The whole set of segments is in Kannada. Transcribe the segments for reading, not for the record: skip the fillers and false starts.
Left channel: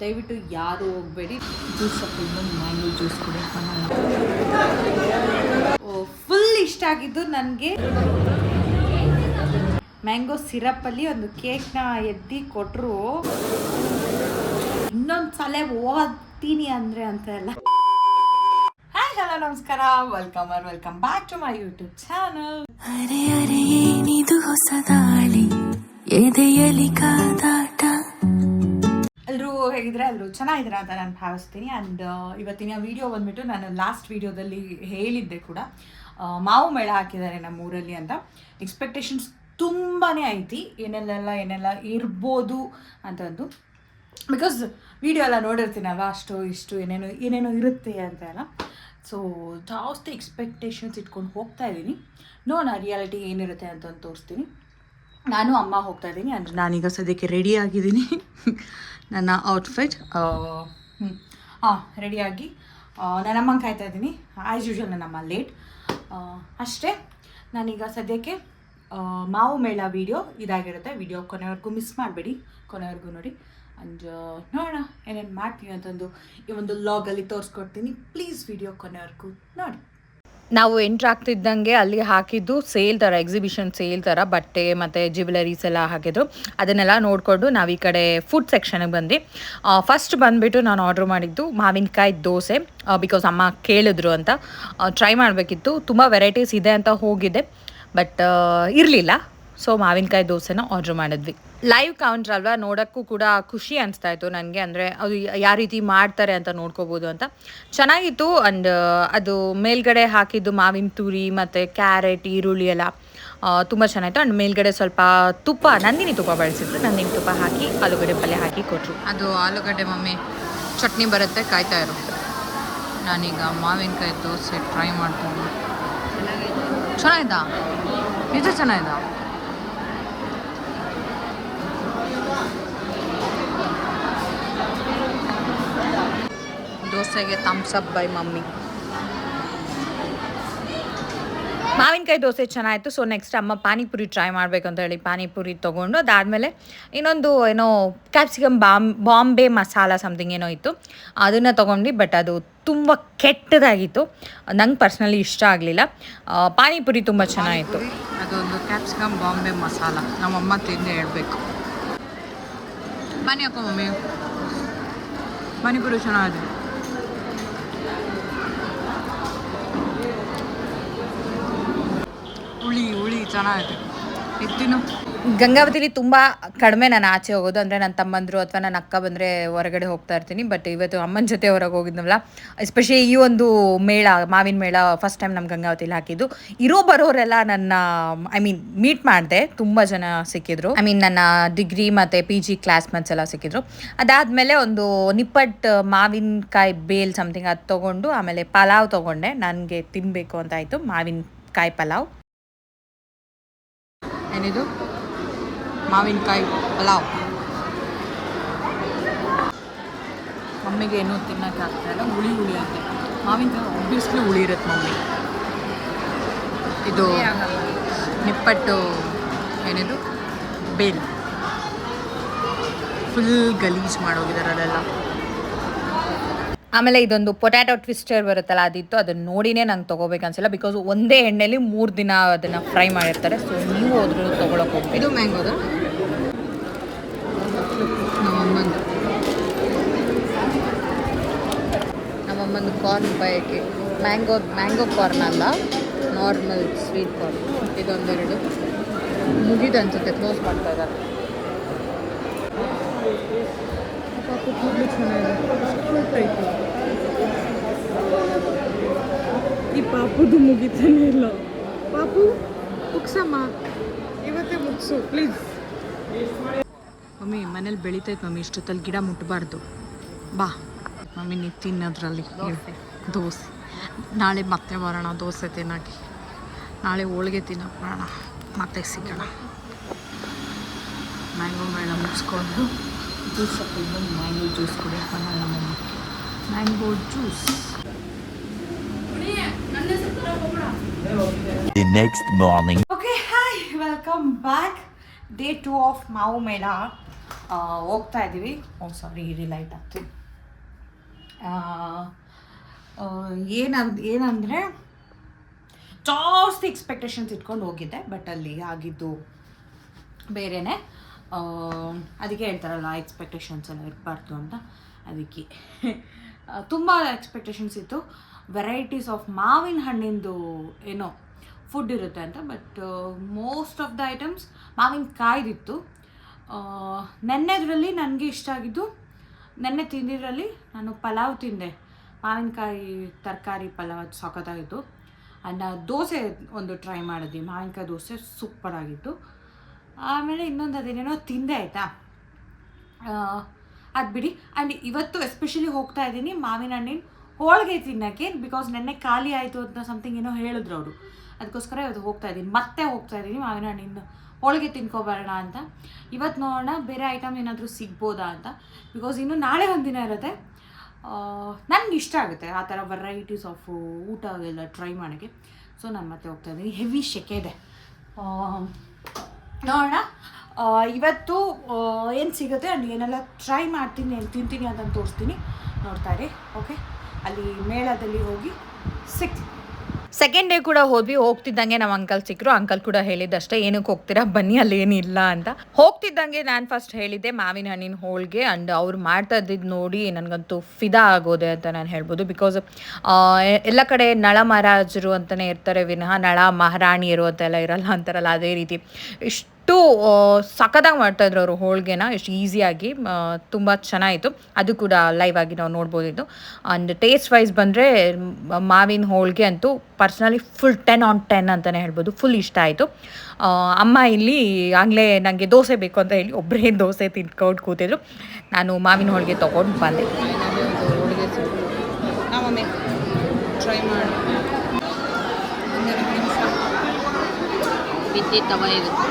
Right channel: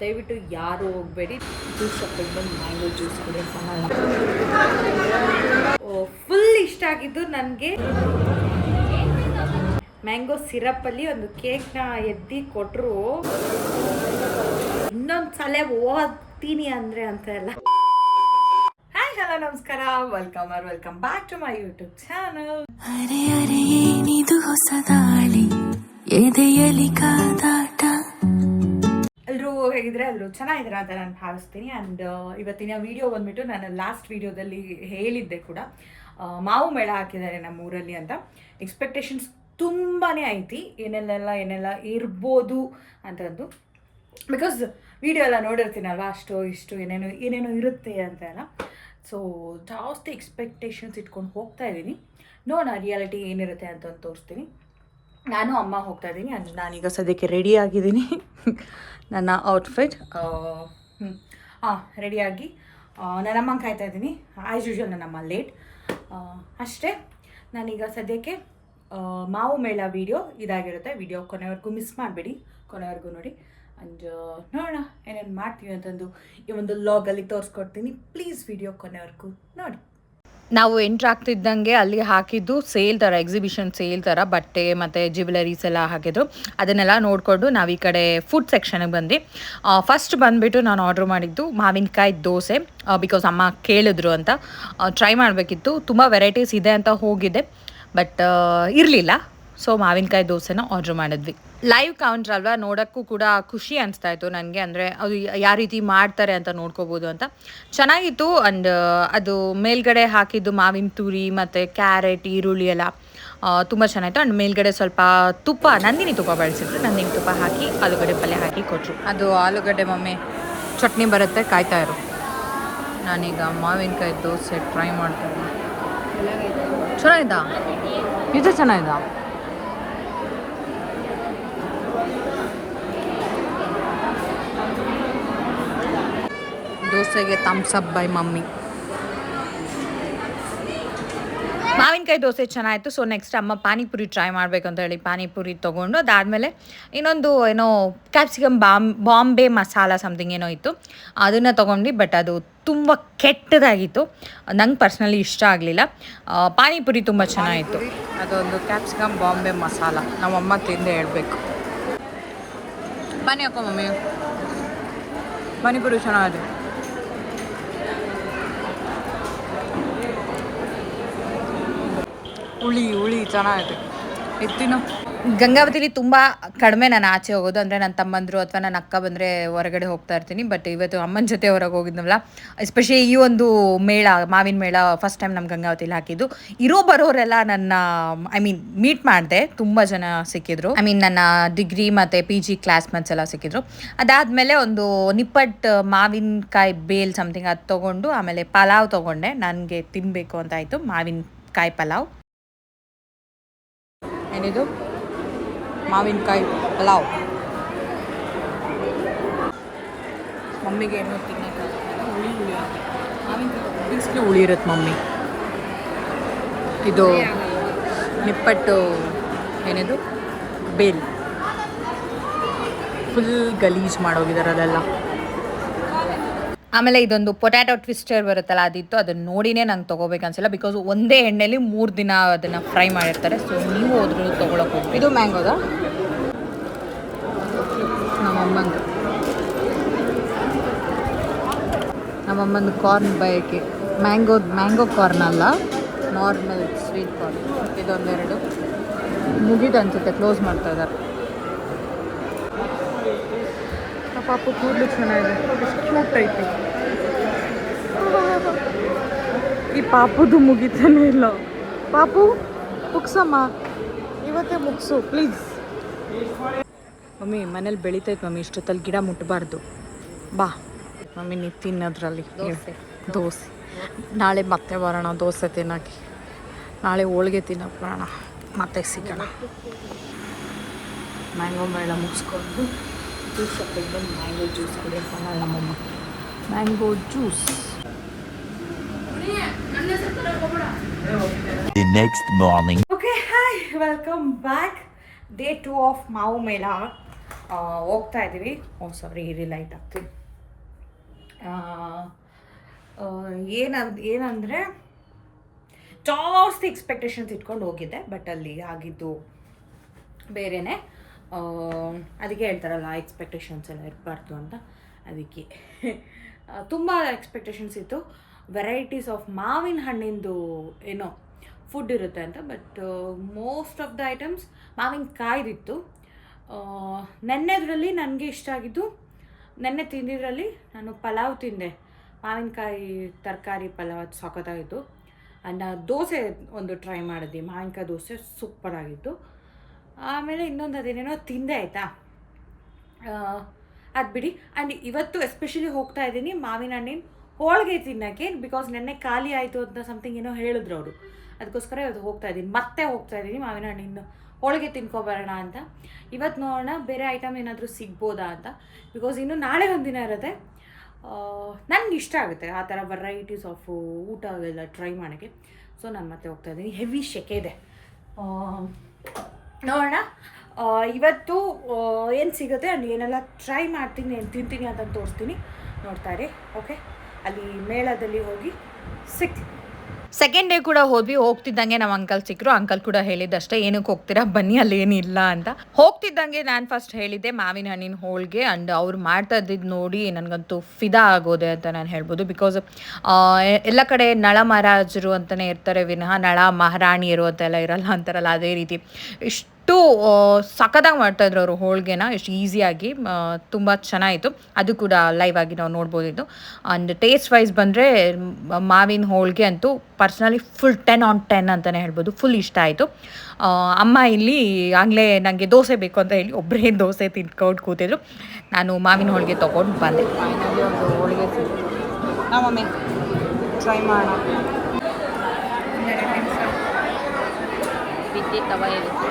ದಯವಿಟ್ಟು ಯಾರು ಹೋಗಬೇಡಿ. ಜ್ಯೂಸ್ ಹಾಕೊಂಡು ಬಂದು ಮ್ಯಾಂಗೋ ಜ್ಯೂಸ್ ಕುಡಿಯೋಕೆ ಫುಲ್ ಇಷ್ಟ ಆಗಿದ್ದು ನನಗೆ ಮ್ಯಾಂಗೋ ಸಿರಪ್ಪಲ್ಲಿ ಒಂದು ಕೇಕ್ನ ಎದ್ದಿ ಕೊಟ್ಟರು. ಇನ್ನೊಂದು ಸಲ ಓದ್ತೀನಿ ಅಂದರೆ ಅಂತ ಎಲ್ಲ. ಹಾಯ್ ಹಲೋ ನಮಸ್ಕಾರ, welcome back to my YouTube channel. ಅರೆ ಅರೆ ಏನಿದು ಹೊಸ ದಾಳಿ ಎದೆಯಲಿ ಕಾದಾಟ. ಎಲ್ಲರೂ ಹೇಗಿದ್ರೆ ಎಲ್ಲರೂ ಚೆನ್ನಾಗಿದ್ದೀರಾ ಅಂತ ನಾನು ಭಾವಿಸ್ತೀನಿ. ಆ್ಯಂಡ್ ಇವತ್ತಿನ ವಿಡಿಯೋ ಬಂದ್ಬಿಟ್ಟು ನಾನು ಲಾಸ್ಟ್ ವಿಡಿಯೋದಲ್ಲಿ ಹೇಳಿದ್ದೆ ಕೂಡ, ಮಾವು ಮೇಳ ಹಾಕಿದ್ದಾರೆ ನಮ್ಮ ಊರಲ್ಲಿ ಅಂತ. ಎಕ್ಸ್ಪೆಕ್ಟೇಷನ್ಸ್ ತುಂಬಾ ಐತಿ, ಏನೆಲ್ಲ ಇರ್ಬೋದು ಅಂತಂದು. ಬಿಕಾಸ್ ವಿಡಿಯೋ ಎಲ್ಲ ನೋಡಿರ್ತೀನಲ್ವ, ಅಷ್ಟು ಇಷ್ಟು ಏನೇನೋ ಇರುತ್ತೆ ಅಂತ ಎಲ್ಲ. ಸೊ ಜಾಸ್ತಿ ಎಕ್ಸ್ಪೆಕ್ಟೇಷನ್ಸ್ ಇಟ್ಕೊಂಡು ಹೋಗ್ತಾ ಇದ್ದೀನಿ. ನೋಡೋಣ ರಿಯಾಲಿಟಿ ಏನಿರುತ್ತೆ ಅಂತ ತೋರಿಸ್ತೀನಿ. ನಾನು ಅಮ್ಮ ಹೋಗ್ತಾ ಇದ್ದೀನಿ. ಅಂದರೆ ನಾನೀಗ ಸದ್ಯಕ್ಕೆ ರೆಡಿ ಆಗಿದ್ದೀನಿ. ನನ್ನ ಔಟ್ಫಿಟ್ ರೆಡಿಯಾಗಿ ನನ್ನ ಅಮ್ಮಂಗೆ ಕಾಯ್ತಾ ಇದ್ದೀನಿ. ಆ್ಯಸ್ ಯೂಶ್ವಲ್ ನನ್ನಮ್ಮ ಲೇಟ್ ಅಷ್ಟೇ. ನಾನೀಗ ಸದ್ಯಕ್ಕೆ ಮಾವು ಮೇಳ ವಿಡಿಯೋ ಇದಾಗಿರುತ್ತೆ. ವಿಡಿಯೋ ಕೊನೆವರೆಗೂ ಮಿಸ್ ಮಾಡಬೇಡಿ, ಕೊನೆವರೆಗೂ ನೋಡಿ. ಆ್ಯಂಡ್ ನೋಡೋಣ ಏನೇನು ಮಾಡ್ತೀನಿ ಅಂತಂದು ಈ ಒಂದು ಲಾಗಲ್ಲಿ ತೋರಿಸ್ಕೊಡ್ತೀನಿ. ಪ್ಲೀಸ್ ವಿಡಿಯೋ ಕೊನೆವರೆಗೂ ನೋಡಿ. ನಾವು ಎಂಟ್ರ್ ಆಗ್ತಿದ್ದಂಗೆ ಅಲ್ಲಿ ಹಾಕಿದ್ದು ಸೇಲ್ ಥರ, ಎಕ್ಸಿಬಿಷನ್ ಸೇಲ್ ಥರ ಬಟ್ಟೆ ಮತ್ತು ಜ್ಯುವೆಲರೀಸ್ ಎಲ್ಲ ಹಾಕಿದ್ರು. ಅದನ್ನೆಲ್ಲ ನೋಡಿಕೊಂಡು ನಾವು ಈ ಕಡೆ ಫುಡ್ ಸೆಕ್ಷನ್ಗೆ ಬಂದ್ವಿ. ಫಸ್ಟ್ ಬಂದುಬಿಟ್ಟು ನಾನು ಆರ್ಡ್ರ್ ಮಾಡಿದ್ದು ಮಾವಿನಕಾಯಿ ದೋಸೆ. ಬಿಕಾಸ್ ಅಮ್ಮ ಕೇಳಿದ್ರು ಅಂತ ಟ್ರೈ ಮಾಡಬೇಕಿತ್ತು. ತುಂಬ ವೆರೈಟೀಸ್ ಇದೆ ಅಂತ ಹೋಗಿದ್ದೆ, ಬಟ್ ಇರಲಿಲ್ಲ. ಸೊ ಮಾವಿನಕಾಯಿ ದೋಸೆನ ಆರ್ಡ್ರ್ ಮಾಡಿದ್ವಿ. ಲೈವ್ ಕೌಂಟ್ರ್ ಅಲ್ವಾ, ನೋಡೋಕ್ಕೂ ಕೂಡ ಖುಷಿ ಅನಿಸ್ತಾ ಇತ್ತು ನನಗೆ. ಅಂದರೆ ಅದು ಯಾವ ರೀತಿ ಮಾಡ್ತಾರೆ ಅಂತ ನೋಡ್ಕೋಬೋದು ಅಂತ ಚೆನ್ನಾಗಿತ್ತು. ಆ್ಯಂಡ್ ಅದು ಮೇಲ್ಗಡೆ ಹಾಕಿದ್ದು ಮಾವಿನ ತುರಿ ಮತ್ತು ಕ್ಯಾರೆಟ್, ಈರುಳ್ಳಿ ಎಲ್ಲ ತುಂಬ ಚೆನ್ನಾಗಿತ್ತು. ಆ್ಯಂಡ್ ಮೇಲ್ಗಡೆ ಸ್ವಲ್ಪ ತುಪ್ಪ, ನಂದಿನಿ ತುಪ್ಪ ಬಳಸಿದ್ರು. ನಂದಿನಿ ತುಪ್ಪ ಹಾಕಿ ಆಲೂಗಡ್ಡೆ ಪಲ್ಯ ಹಾಕಿ ಕೊಟ್ಟರು. ಅದು ಆಲೂಗಡ್ಡೆ ಮಮ್ಮಿ ಚಟ್ನಿ ಬರುತ್ತೆ, ಕಾಯ್ತಾ ಇರು. ನಾನೀಗ ಮಾವಿನಕಾಯಿ ದೋಸೆ ಟ್ರೈ ಮಾಡ್ತಾ ಇದ್ದೀನಿ. ಚೆನ್ನಾಗಿದ್ದ, ಇದು ಚೆನ್ನಾಗಿದ್ದ. ದೋಸೆಗೆ ಥಮ್ಸ್ ಅಪ್ ಬೈ ಮಮ್ಮಿ. ಮಾವಿನಕಾಯಿ ದೋಸೆ ಚೆನ್ನಾಗಿತ್ತು. ಸೊ ನೆಕ್ಸ್ಟ್ ಅಮ್ಮ ಪಾನಿಪುರಿ ಟ್ರೈ ಮಾಡಬೇಕು ಅಂತ ಹೇಳಿ ಪಾನಿಪುರಿ ತೊಗೊಂಡು, ಅದಾದಮೇಲೆ ಇನ್ನೊಂದು ಏನೋ ಕ್ಯಾಪ್ಸಿಕಮ್ ಬಾಂಬೆ ಮಸಾಲ ಸಮಥಿಂಗ್ ಏನೋ ಇತ್ತು, ಅದನ್ನು ತೊಗೊಂಡು. ಬಟ್ ಅದು ತುಂಬ ಕೆಟ್ಟದಾಗಿತ್ತು, ನಂಗೆ ಪರ್ಸ್ನಲಿ ಇಷ್ಟ ಆಗಲಿಲ್ಲ. ಪಾನಿಪುರಿ ತುಂಬ ಚೆನ್ನಾಗಿತ್ತು. ಅದೊಂದು ಕ್ಯಾಪ್ಸಿಕಮ್ ಬಾಂಬೆ ಮಸಾಲ ನಮ್ಮಮ್ಮ ತಿಂದೆ ಹೇಳಬೇಕು. ಬನ್ನಿ ಅಕ್ಕ ಮಮ್ಮಿ, ಪಾನಿಪುರಿ ಚೆನ್ನಾಗಿದೆ. ಹುಳಿ ಚೆನ್ನಾಗಿದೆ. ಎತ್ತಿನ ಗಂಗಾವತಿಲಿ ತುಂಬ ಕಡಿಮೆ ನಾನು ಆಚೆ ಹೋಗೋದು. ಅಂದರೆ ನನ್ನ ತಮ್ಮಂದರು ಅಥವಾ ನನ್ನ ಅಕ್ಕ ಬಂದರೆ ಹೊರಗಡೆ ಹೋಗ್ತಾ ಇರ್ತೀನಿ. ಬಟ್ ಇವತ್ತು ಅಮ್ಮನ ಜೊತೆ ಹೊರಗೆ ಹೋಗಿದ್ನಲ್ಲ, ಎಸ್ಪೆಷಲಿ ಈ ಒಂದು ಮೇಳ, ಮಾವಿನ ಮೇಳ ಫಸ್ಟ್ ಟೈಮ್ ನಮ್ಮ ಗಂಗಾವತಿಲಿ ಹಾಕಿದ್ದು. ಬರೋರೆಲ್ಲ ನನ್ನ ಮೀಟ್ ಮಾಡಿದೆ. ತುಂಬ ಜನ ಸಿಕ್ಕಿದ್ರು. ನನ್ನ ಡಿಗ್ರಿ ಮತ್ತು PG ಕ್ಲಾಸ್ಮೇಟ್ಸ್ ಎಲ್ಲ ಸಿಕ್ಕಿದ್ರು. ಅದಾದಮೇಲೆ ಒಂದು ನಿಪ್ಪಟ್ಟು ಮಾವಿನಕಾಯಿ ಬೇಲ್ ಸಮಥಿಂಗ್ ಅದು ತೊಗೊಂಡು, ಆಮೇಲೆ ಪಲಾವ್ ತೊಗೊಂಡೆ. ನನಗೆ ತಿನ್ನಬೇಕು ಅಂತ ಆಯಿತು, ಮಾವಿನಕಾಯಿ ಪಲಾವ್. ಏನಿದು ಮಾವಿನಕಾಯಿ ಪಲಾವ್. ಮಮ್ಮಿಗೆ ಏನೂ ತಿನ್ನೋಕ್ಕಾಗ್ತಾಯಿಲ್ಲ, ಹುಳಿ ಆಗುತ್ತೆ. ಮಾವಿನಕಾಯಿ ಒಬ್ಬಿಸ್ಲು ಹುಳಿ ಇರುತ್ತೆ ಮಮ್ಮಿ. ಇದು ನಿಪ್ಪಟ್ಟು ಏನಿದು ಬೇಲ್ ಫುಲ್ ಗಲೀಜ್ ಮಾಡೋಗಿದ್ದಾರೆ ಅದೆಲ್ಲ. ಆಮೇಲೆ ಇದೊಂದು ಪೊಟ್ಯಾಟೊ ಟ್ವಿಸ್ಟರ್ ಬರುತ್ತಲ್ಲ, ಅದಿತ್ತು. ಅದನ್ನು ನೋಡಿನೇ ನಂಗೆ ತೊಗೋಬೇಕನ್ಸಿಲ್ಲ, ಬಿಕಾಸ್ ಒಂದೇ ಎಣ್ಣೆಲಿ 3 ದಿನ ಅದನ್ನು ಫ್ರೈ ಮಾಡಿರ್ತಾರೆ. ಸೊ ನೀವು ಹೋದ್ರೂ ತೊಗೊಳಕ್ಕೆ ಹೋಗ್ಬೇಕು. ಇದು ಮ್ಯಾಂಗೋದ ನಮ್ಮಮ್ಮಂದು ಕಾರ್ನ್ ಬಯಕೆ. ಮ್ಯಾಂಗೋ ಕಾರ್ನ್ ಅಲ್ಲ, ನಾರ್ಮಲ್ ಸ್ವೀಟ್ ಕಾರ್ನ್. ಇದೊಂದೆರಡು ಮುಗಿದು ಅನ್ಸುತ್ತೆ, ಕ್ಲೋಸ್ ಮಾಡ್ತಾರೆ. ಪಾಪು ಕೂದಲು ಚೆನ್ನಾಗಿದೆ, ಕ್ಯೂಟ್ ಐತಿ. ಈ ಪಾಪುದು ಮುಗಿತಾನೆ ಇಲ್ಲ. ಪಾಪು ಮುಗ್ಸಮ್ಮ, ಇವತ್ತೇ ಮುಗಿಸು ಪ್ಲೀಸ್. ಮಮ್ಮಿ ಮನೇಲಿ ಬೆಳಿತೈತೆ ಮಮ್ಮಿ, ಇಷ್ಟೊತ್ತಲ್ಲಿ ಗಿಡ ಮುಟ್ಟಬಾರ್ದು. ಬಾ ಮಮ್ಮಿ, ನೀವು ತಿನ್ನೋದ್ರಲ್ಲಿ ದೋಸೆ. ನಾಳೆ ಮತ್ತೆ ಬರೋಣ ದೋಸೆ ತಿನ್ನೋಕ್ಕೆ. ನಾಳೆ ಹೋಳಿಗೆ ತಿನ್ನೋಕೆ ಬರೋಣ, ಮತ್ತೆ ಸಿಗೋಣ. ಮ್ಯಾಂಗೋ ಮೇಳ ಮುಗಿಸ್ಕೊಂಡು ಜ್ಯೂಸ್ ಹಾಕೊಂಡು ಬಂದು ಮ್ಯಾಂಗೋ ಜ್ಯೂಸ್ ಕುಡಿಯೋಕೆ ನಮ್ಮಮ್ಮ. Mango juice. The next morning. Okay, hi, welcome back. Day 2 of ಮಾವು ಮೇಳ. ಹೋಗ್ತಾ ಇದ್ದೀವಿ. ಸಾರಿ ಇದು ಲೈಟ್ ಆಗ್ತೀನಿ. ಏನಂದರೆ ಜಾಸ್ತಿ ಎಕ್ಸ್ಪೆಕ್ಟೇಷನ್ಸ್ ಇಟ್ಕೊಂಡು ಹೋಗಿದ್ದೆ, ಬಟ್ ಅಲ್ಲಿ ಆಗಿದ್ದು ಬೇರೆಯೇ. ಅದಕ್ಕೆ ಹೇಳ್ತಾರಲ್ಲ ಎಕ್ಸ್ಪೆಕ್ಟೇಷನ್ಸ್ ಎಲ್ಲ ಇರಬಾರ್ದು ಅಂತ. ಅದಕ್ಕೆ ತುಂಬ ಎಕ್ಸ್ಪೆಕ್ಟೇಷನ್ಸ್ ಇತ್ತು. ವೆರೈಟೀಸ್ ಆಫ್ ಮಾವಿನ ಹಣ್ಣಿಂದು ಏನೋ ಫುಡ್ ಇರುತ್ತೆ ಅಂತ, but most of the items ಮಾವಿನಕಾಯ್ದಿತ್ತು. ನೆನ್ನೆದರಲ್ಲಿ ನನಗೆ ಇಷ್ಟ ಆಗಿದ್ದು, ನೆನ್ನೆ ತಿಂದಿದ್ರಲ್ಲಿ ನಾನು ಪಲಾವ್ ತಿಂದೆ, ಮಾವಿನಕಾಯಿ ತರಕಾರಿ ಪಲಾವ್, ಅದು ಸಖತ್ತಾಗಿತ್ತು. ಆ್ಯಂಡ್ ದೋಸೆ ಒಂದು ಟ್ರೈ ಮಾಡಿದ್ವಿ, ಮಾವಿನಕಾಯಿ ದೋಸೆ ಸೂಪರಾಗಿತ್ತು. ಆಮೇಲೆ ಇನ್ನೊಂದು ಅದೇನೇನೋ ತಿಂದೆ ಆಯಿತಾ, ಅದು ಬಿಡಿ. ಆ್ಯಂಡ್ ಇವತ್ತು ಎಸ್ಪೆಷಲಿ ಹೋಗ್ತಾ ಇದ್ದೀನಿ ಮಾವಿನ ಹಣ್ಣಿನ ಹೋಳಿಗೆ ತಿನ್ನೋಕ್ಕೆ, ಬಿಕಾಸ್ ನೆನ್ನೆ ಖಾಲಿ ಆಯಿತು ಅಂತ ಸಮಥಿಂಗ್ ಏನೋ ಹೇಳಿದ್ರು ಅವರು. ಅದಕ್ಕೋಸ್ಕರ ಇವತ್ತು ಹೋಗ್ತಾ ಇದ್ದೀನಿ ಮಾವಿನ ಹಣ್ಣಿನ ಹೋಳಿಗೆ ತಿನ್ಕೊಬರೋಣ ಅಂತ. ಇವತ್ತು ನೋಡೋಣ ಬೇರೆ ಐಟಮ್ ಏನಾದರೂ ಸಿಗ್ಬೋದಾ ಅಂತ, ಬಿಕಾಸ್ ಇನ್ನು ನಾಳೆ ಒಂದಿನ ಇರುತ್ತೆ. ನನಗೆ ಇಷ್ಟ ಆಗುತ್ತೆ ಆ ಥರ ವೆರೈಟೀಸ್ ಆಫ್ ಊಟ ಎಲ್ಲ ಟ್ರೈ ಮಾಡೋಕ್ಕೆ. ಸೊ ನಾನು ಮತ್ತೆ ಹೋಗ್ತಾ ಇದ್ದೀನಿ. ಹೆವಿ ಸೆಕೆ ಇದೆ, ನೋಡೋಣ ಇವತ್ತು ಏನು ಸಿಗುತ್ತೆ ಅಲ್ಲಿ ಏನೆಲ್ಲ ಟ್ರೈ ಮಾಡ್ತೀನಿ, ಏನು ತಿಂತೀನಿ ಅಂತ ತೋರಿಸ್ತೀನಿ, ನೋಡ್ತಾ ಇರಿ. ಓಕೆ, ಅಲ್ಲಿ ಮೇಳದಲ್ಲಿ ಹೋಗಿ ಸಿಗ್ತೀನಿ. ಸೆಕೆಂಡ್ ಡೇ ಕೂಡ ಹೋಗ್ತಿದ್ದಂಗೆ ನಮ್ಮ ಅಂಕಲ್ ಸಿಕ್ಕರು. ಅಂಕಲ್ ಕೂಡ ಹೇಳಿದ್ದಷ್ಟೇ, ಏನಕ್ಕೆ ಹೋಗ್ತೀರಾ ಬನ್ನಿ, ಅಲ್ಲಿ ಏನಿಲ್ಲ ಅಂತ. ಹೋಗ್ತಿದ್ದಂಗೆ ನಾನು ಫಸ್ಟ್ ಹೇಳಿದ್ದೆ ಮಾವಿನ ಹಣ್ಣಿನ ಹೋಳಿಗೆ. ಆ್ಯಂಡ್ ಅವ್ರು ಮಾಡ್ತಾ ಇದ್ದಿದ್ದು ನೋಡಿ ನನಗಂತೂ ಫಿದಾ ಆಗೋದೆ ಅಂತ ನಾನು ಹೇಳ್ಬೋದು. ಬಿಕಾಸ್ ಎಲ್ಲ ಕಡೆ ನಳ ಮಹಾರಾಜರು ಅಂತಲೇ ಇರ್ತಾರೆ ವಿನಃ ನಳ ಮಹಾರಾಣಿಯರು ಅಂತೆಲ್ಲ ಇರಲ್ಲ ಅಂತಾರಲ್ಲ, ಅದೇ ರೀತಿ ಇಷ್ಟು ಸಖತ್ತಾಗಿ ಮಾಡ್ತಾಯಿದ್ರು ಅವರು ಹೋಳಿಗೆನ, ಎಷ್ಟು ಈಸಿಯಾಗಿ. ತುಂಬ ಚೆನ್ನಾಗಿತ್ತು. ಅದು ಕೂಡ ಲೈವ್ ಆಗಿ ನಾವು ನೋಡ್ಬೋದಿತ್ತು. ಆ್ಯಂಡ್ ಟೇಸ್ಟ್ ವೈಸ್ ಬಂದರೆ ಮಾವಿನ ಹೋಳಿಗೆ ಅಂತೂ ಪರ್ಸ್ನಲಿ ಫುಲ್ 10/10 ಅಂತಲೇ ಹೇಳ್ಬೋದು. ಫುಲ್ ಇಷ್ಟ ಆಯಿತು. ಅಮ್ಮ ಇಲ್ಲಿ ಆಗಲೇ ನನಗೆ ದೋಸೆ ಬೇಕು ಅಂತ ಹೇಳಿ ಒಬ್ಬರೇ ದೋಸೆ ತಿನ್ಕೊಂಡು ಕೂತಿದ್ರು. ನಾನು ಮಾವಿನ ಹೋಳಿಗೆ ತೊಗೊಂಡು ಬಂದೆ. ಹೋಳಿಗೆ ಟ್ರೈ ಮಾಡೋಣ. ಬಿದ್ದಿ ತವ ಇರುತ್ತೆ.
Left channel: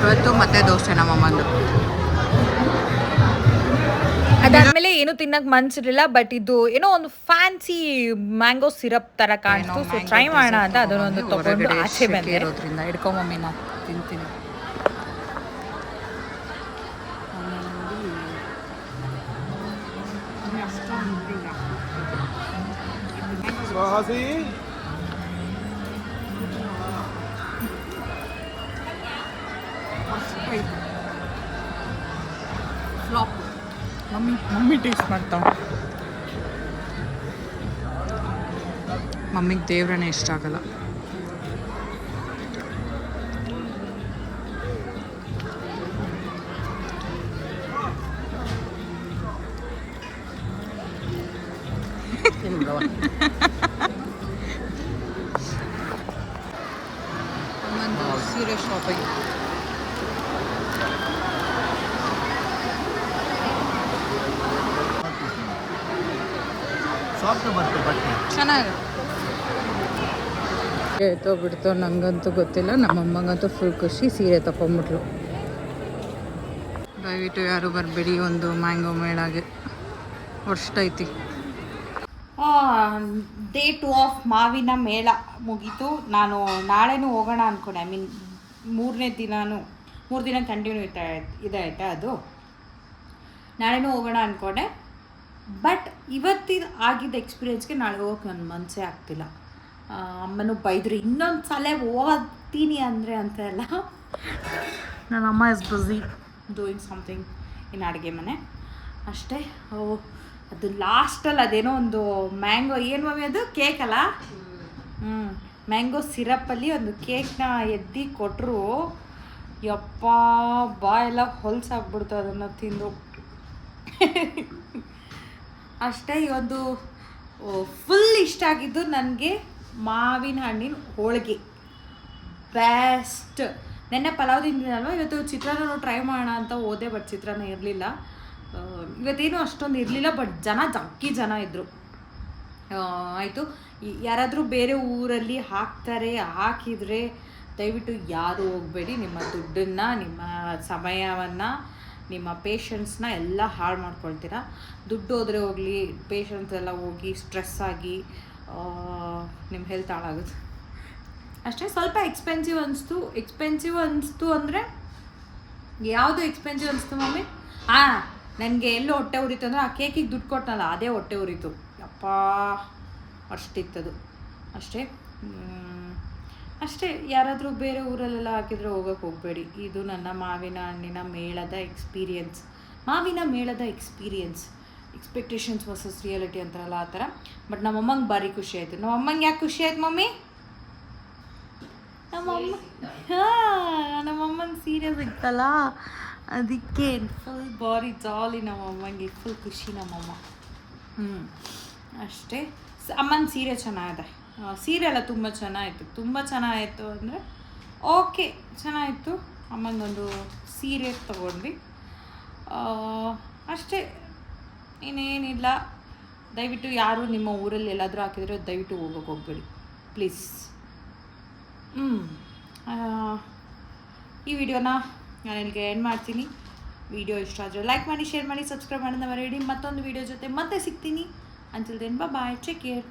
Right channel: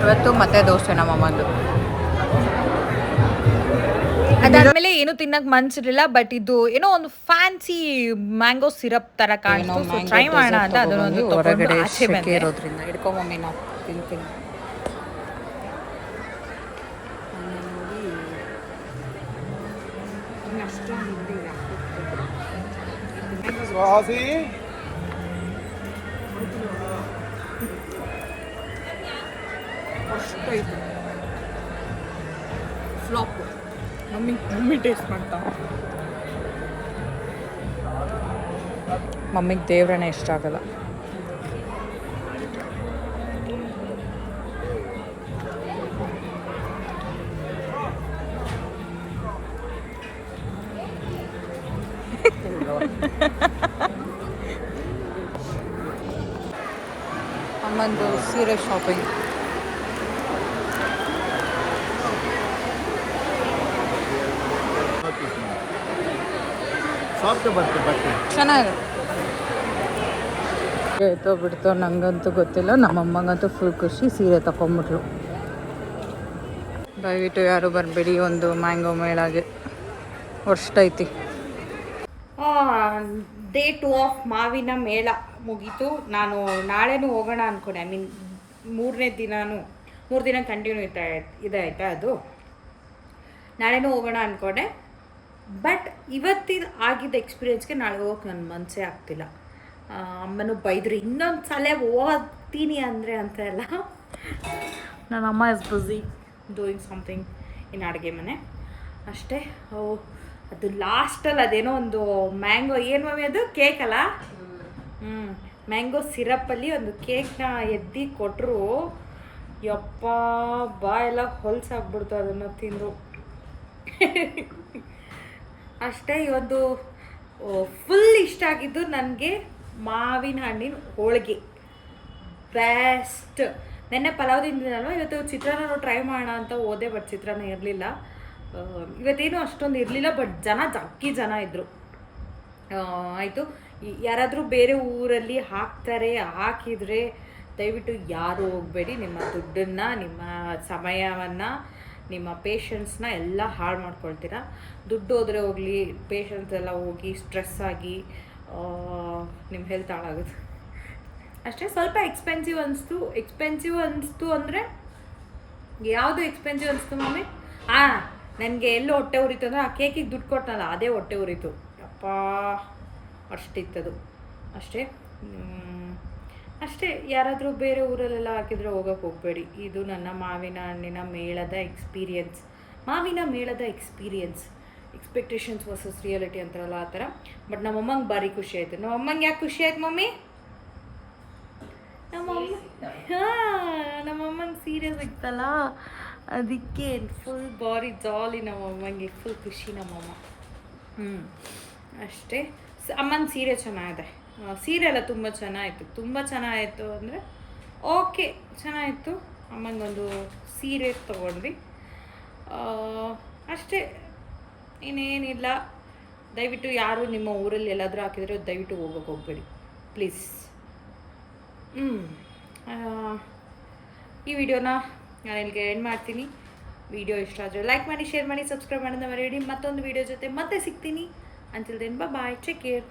ಇವತ್ತು ಮತ್ತೆ ದೋಸೆ ನಮ್ಮಮ್ಮಂದು. ಅದಾದಮೇಲೆ ಏನು ತಿನ್ನಕ್ಕೆ ಮನ್ಸಿರಲಿಲ್ಲ, ಬಟ್ ಇದು ಏನೋ ಒಂದು ಫ್ಯಾನ್ಸಿ ಮ್ಯಾಂಗೋ ಸಿರಪ್ ಥರ ಕಾಣಿಸ್ತು. ಸೊ ಟ್ರೈ ಮಾಡೋಣ ಅಂತ ಅದನ್ನೊಂದು ತೊಗೊಂಡು ಆಚೆ ಬಂದೆ. ಹಿಡ್ಕೊಂಬಮ್ಮಿ ನಾನು ತಿಂತೀನಿ. ಫ್ಲಾಪ್. ಮಮ್ಮಿ ಟೇಸ್ಟ್ ಮಾಡ್ತಾ, ಮಮ್ಮಿಗೆ ದೇವ್ರನೇ ಇಷ್ಟ ಆಗಲ್ಲ. ಅಮ್ಮಂದು ಸೀರೆ ಶಾಪಿಂಗ್. ಚೆನ್ನಾಗಿತ್ತು ಬಿಡ್ತೋ ನಂಗಂತೂ ಗೊತ್ತಿಲ್ಲ. ನಮ್ಮಮ್ಮಂಗಂತೂ ಫುಲ್ ಖುಷಿ, ಸೀರೆ ತಗೊಂಬಿಟ್ಲು. ದಯವಿಟ್ಟು ಯಾರು ಬರಬೇಡಿ ಒಂದು ಮ್ಯಾಂಗೋ ಮೇಳಾಗೆ, ವರ್ಷೈತಿ. ಡೇ 2 ಆಫ್ ಮಾವಿನ ಮೇಳ ಮುಗೀತು. ನಾನು ನಾಳೆನೂ ಹೋಗೋಣ ಅಂದ್ಕೊಂಡೆ. ಮೂರನೇ ದಿನನೂ 3 ದಿನ ಕಂಟಿನ್ಯೂ ಇದೆ ಆಯಿತಾ. ಅದು ನಾಳೆನೂ ಹೋಗೋಣ ಅಂದ್ಕೊಂಡೆ, ಬಟ್ ಇವತ್ತಿನ ಆಗಿದ್ದ ಎಕ್ಸ್ಪೀರಿಯೆನ್ಸ್ಗೆ ನಾಳೆ ಹೋಗಕ್ಕೆ ನನ್ನ ಮನಸ್ಸೇ ಆಗ್ತಿಲ್ಲ. ಅಮ್ಮನೂ ಬೈದ್ರು, ಇನ್ನೊಂದು ಸಲ ಹೋಗ್ತೀನಿ ಅಂದರೆ ಅಂತ ಎಲ್ಲ. ನನ್ನ ಅಮ್ಮ is busy doing something in ಅಡುಗೆ ಮನೆ ಅಷ್ಟೇ. ಅದು ಲಾಸ್ಟಲ್ಲಿ ಅದೇನೋ ಒಂದು ಮ್ಯಾಂಗೋ, ಏನು ಮಮ್ಮಿ ಅದು ಕೇಕ್ ಅಲ್ಲ, ಮ್ಯಾಂಗೋ ಸಿರಪ್ಪಲ್ಲಿ ಒಂದು ಕೇಕ್ನ ಎದ್ದು ಕೊಟ್ಟರು. ಯಪ್ಪ ಬಾಯೆಲ್ಲ ಹೊಲ್ಸಾಗ್ಬಿಡ್ತು ಅದನ್ನು ತಿಂದು. ಅಷ್ಟೇ. ಒಂದು ಫುಲ್ ಇಷ್ಟ ಆಗಿದ್ದು ನನಗೆ ಮಾವಿನ ಹಣ್ಣಿನ ಹೋಳಿಗೆ ಬೆಸ್ಟ್. ನೆನ್ನೆ ಪಲಾವ್ ತಿಂದಿದ್ದಲ್ವ, ಇವತ್ತು ಚಿತ್ರಾನ್ನ ಟ್ರೈ ಮಾಡೋಣ ಅಂತ ಹೋದೆ, ಬಟ್ ಚಿತ್ರಾನ್ನ ಇರಲಿಲ್ಲ. ಇವತ್ತೇನು ಅಷ್ಟೊಂದು ಇರಲಿಲ್ಲ, ಬಟ್ ಜಗ್ಗಿ ಜನ ಇದ್ದರು. ಆಯಿತು. ಯಾರಾದರೂ ಬೇರೆ ಊರಲ್ಲಿ ಹಾಕಿದರೆ ದಯವಿಟ್ಟು ಯಾರು ಹೋಗಬೇಡಿ. ನಿಮ್ಮ ದುಡ್ಡನ್ನು, ನಿಮ್ಮ ಸಮಯವನ್ನು ನಿಮ್ಮ ಪೇಷನ್ಸ್ನ ಎಲ್ಲ ಹಾಳು ಮಾಡ್ಕೊಳ್ತೀರಾ. ದುಡ್ಡು ಹೋದರೆ ಹೋಗಲಿ, ಪೇಷನ್ಸ್ ಎಲ್ಲ ಹೋಗಿ ಸ್ಟ್ರೆಸ್ ಆಗಿ ನಿಮ್ಮ ಹೆಲ್ತ್ ಹಾಳಾಗುತ್ತೆ ಅಷ್ಟೇ. ಸ್ವಲ್ಪ ಎಕ್ಸ್ಪೆನ್ಸಿವ್ ಅನಿಸ್ತು ಅಂದರೆ ಯಾವುದು ಎಕ್ಸ್ಪೆನ್ಸಿವ್ ಅನಿಸ್ತು ಮಮ್ಮಿ? ನನಗೆ ಎಲ್ಲೋ ಹೊಟ್ಟೆ ಉರಿತು ಅಂದರೆ ಆ ಕೇಕಿಗೆ ದುಡ್ಡು ಕೊಟ್ಟನಲ್ಲ ಅದೇ ಹೊಟ್ಟೆ ಉರಿತು. ಅಪ್ಪ ಅಷ್ಟಿತ್ತದು ಅಷ್ಟೇ. ಅಷ್ಟೇ. ಯಾರಾದರೂ ಬೇರೆ ಊರಲ್ಲೆಲ್ಲ ಹಾಕಿದರೆ ಹೋಗೋಕ್ಕೆ ಹೋಗಬೇಡಿ. ಇದು ನನ್ನ ಮಾವಿನ ಮೇಳದ ಎಕ್ಸ್ಪೀರಿಯನ್ಸ್. ಎಕ್ಸ್ಪೆಕ್ಟೇಷನ್ಸ್ ವರ್ಸಸ್ ರಿಯಾಲಿಟಿ ಅಂತಾರಲ್ಲ ಆ ಥರ. ಬಟ್ ನಮ್ಮಮ್ಮಂಗೆ ಭಾರಿ ಖುಷಿ ಆಯಿತು. ನಮ್ಮಮ್ಮಂಗೆ ಯಾಕೆ ಖುಷಿ ಆಯ್ತು ಮಮ್ಮಿ? ನಮ್ಮಮ್ಮಂಗೆ ಸೀರೆ ಸಿಗ್ತಲ್ಲ ಅದಕ್ಕೆ ಫುಲ್ ಬಾರಿ ಜಾಲಿ. ನಮ್ಮಮ್ಮಂಗೆ ಫುಲ್ ಖುಷಿ ನಮ್ಮಮ್ಮ. ಅಷ್ಟೇ. ಅಮ್ಮನ ಸೀರೆ ಚೆನ್ನಾಗಿದೆ. ಸೀರೆ ಎಲ್ಲ ತುಂಬ ಚೆನ್ನಾಯಿತು ಅಂದರೆ ಓಕೆ ಚೆನ್ನಾಗಿತ್ತು. ಅಮ್ಮಂಗೊಂದು ಸೀರೆ ತೊಗೊಂಡ್ವಿ ಅಷ್ಟೇ, ಇನ್ನೇನಿಲ್ಲ. ದಯವಿಟ್ಟು ಯಾರು ನಿಮ್ಮ ಊರಲ್ಲಿ ಎಲ್ಲಾದರೂ ಹಾಕಿದರೆ ದಯವಿಟ್ಟು ಹೋಗೋಕ್ಕೆ ಹೋಗಬೇಡಿ ಪ್ಲೀಸ್. ಈ ವಿಡಿಯೋನ ನಾನು ಇಲ್ಲಿಗೆ ಎಂಡ್ ಮಾಡ್ತೀನಿ. ವಿಡಿಯೋ ಇಷ್ಟ ಆದರೆ ಲೈಕ್ ಮಾಡಿ, ಶೇರ್ ಮಾಡಿ, ಸಬ್ಸ್ಕ್ರೈಬ್ ಮಾಡೋದನ್ನ ಮರೆಯಬೇಡಿ. ಮತ್ತೊಂದು ವಿಡಿಯೋ ಜೊತೆ ಮತ್ತೆ ಸಿಗ್ತೀನಿ. Until then, bye-bye. Take care.